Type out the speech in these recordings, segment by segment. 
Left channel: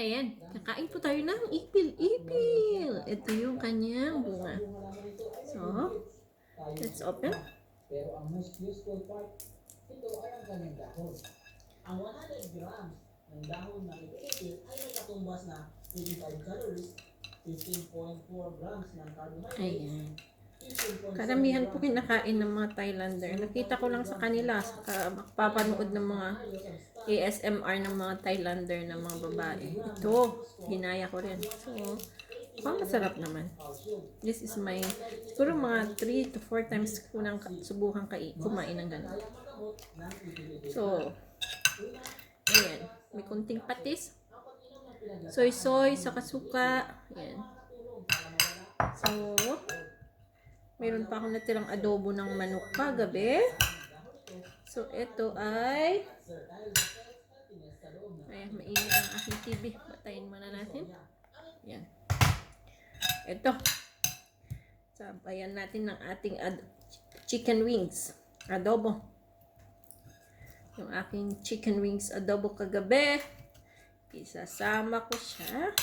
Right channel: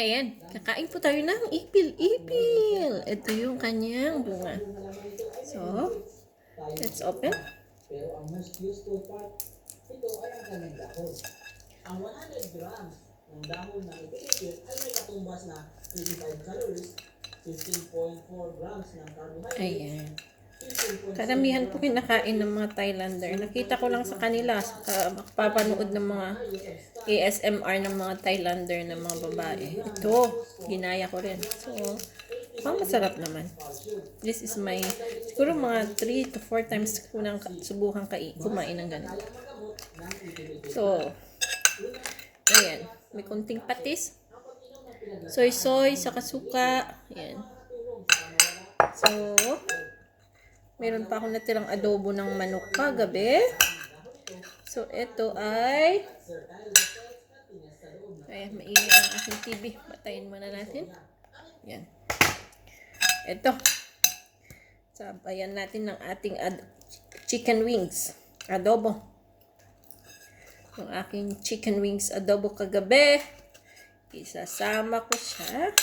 Ayan, kakain po tayo ng ipil-ipil. Ito yung kanyang bunga. So, let's open. Pero ang mas useful part, ito ay ang kanyang dahon. Ang 100 grams ng dahon ng ipil-ipil ay may katumbas na 85 calories, 15.4 grams ng carbohydrates. Ayan. Karamihan po kinakain ng mga Thailander. Nakita ko lang sa kanila, papanood ng mga ASMR ng mga Thailander ng mga babae. Ito, ginaya ko rin. So, masarap naman. This is my, siguro mga 3 to 4 times ko nang subukan kumain ng ganun. So, ayan. May konting patis. Soy-soy, saka suka. Ayan. So, meron pa akong natirang adobo ng manok kagabi. So, ito ay... Ayan, maingay ang aking TV. Patayin muna natin. Ayan. Ito. Sabayan natin ng ating chicken wings. Adobo. Yung aking chicken wings adobo kagabi. Isasama ko siya.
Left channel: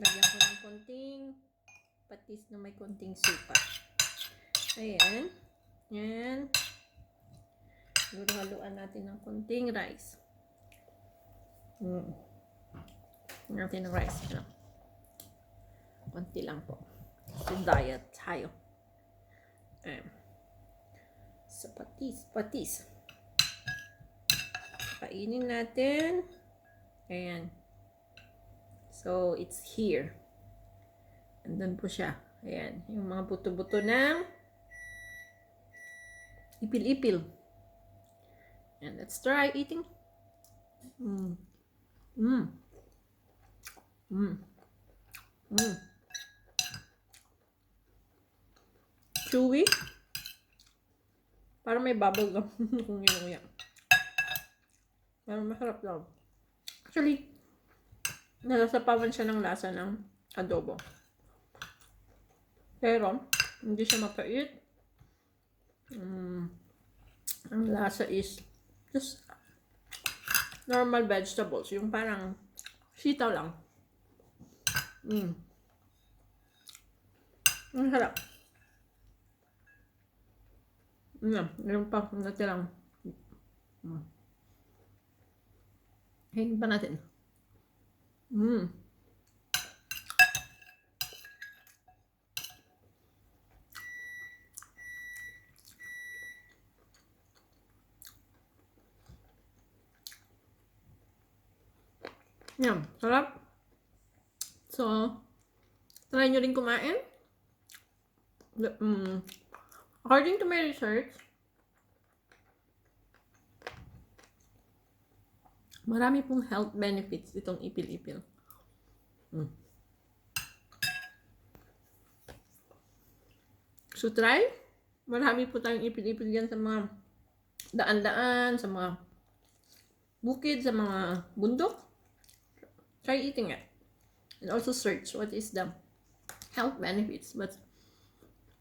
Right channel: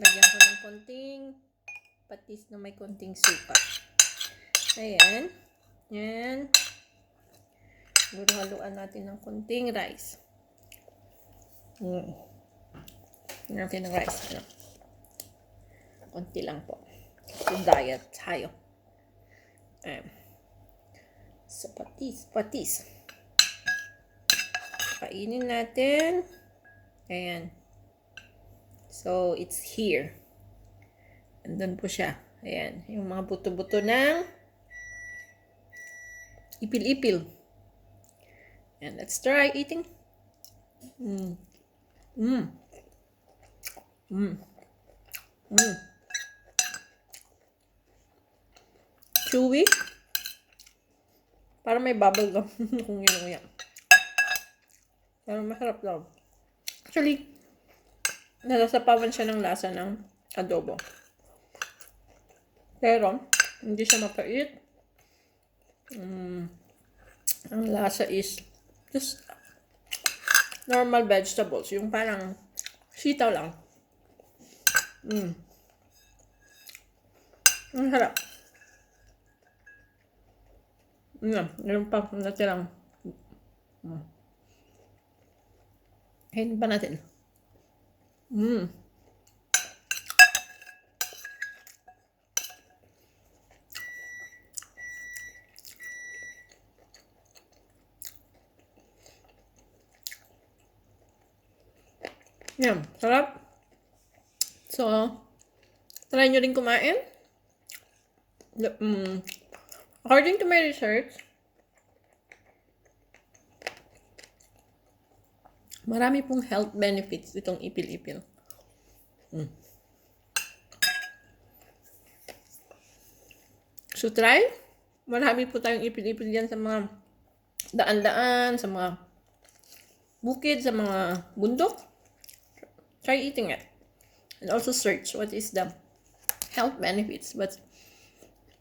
Lagyan ko ng konting patis na may konting suka. Ayan. Ayan. Haluan natin ng konting rice. Natin ng rice. Ano? Konti lang po. So, diet tayo. Ayan. So, patis. Kainin natin. Ayan. So, it's here. Andun po siya. Ayan. Yung mga buto-buto ng ipil-ipil. And let's try eating. Chewy. Parang may bubble gum kung ginuya. Pero masarap daw. Actually, nasasapawan siya ng lasa ng adobo. Pero, hindi siya mapait. Ang lasa is just normal vegetables. Yung parang sitaw lang. Ang sarap. Meron pa natirang. Kainin pa natin. Yan, sarap. So, try nyo rin kumain. According to my research, marami pong health benefits itong ipil-ipil. So, try. Marami po tayong ipil-ipil dyan sa mga daan-daan, sa mga bukid, sa mga bundok. Try eating it. And also search what is the health benefits. But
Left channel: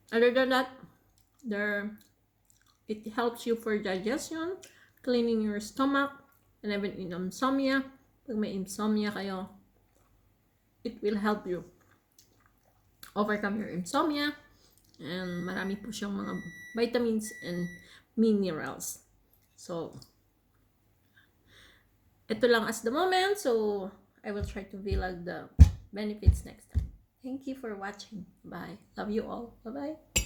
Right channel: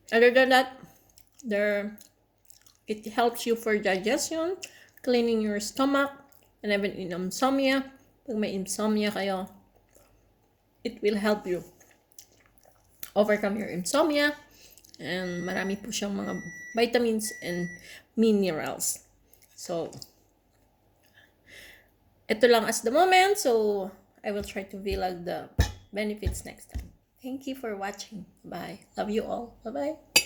other than that, it helps you for digestion, cleaning your stomach, and even in insomnia. Pag may insomnia kayo, it will help you overcome your insomnia. And marami po siyang mga vitamins and minerals. So, ito lang as the moment. So, I will try to vlog the benefits next time. Thank you for watching. Bye. Love you all. Bye-bye.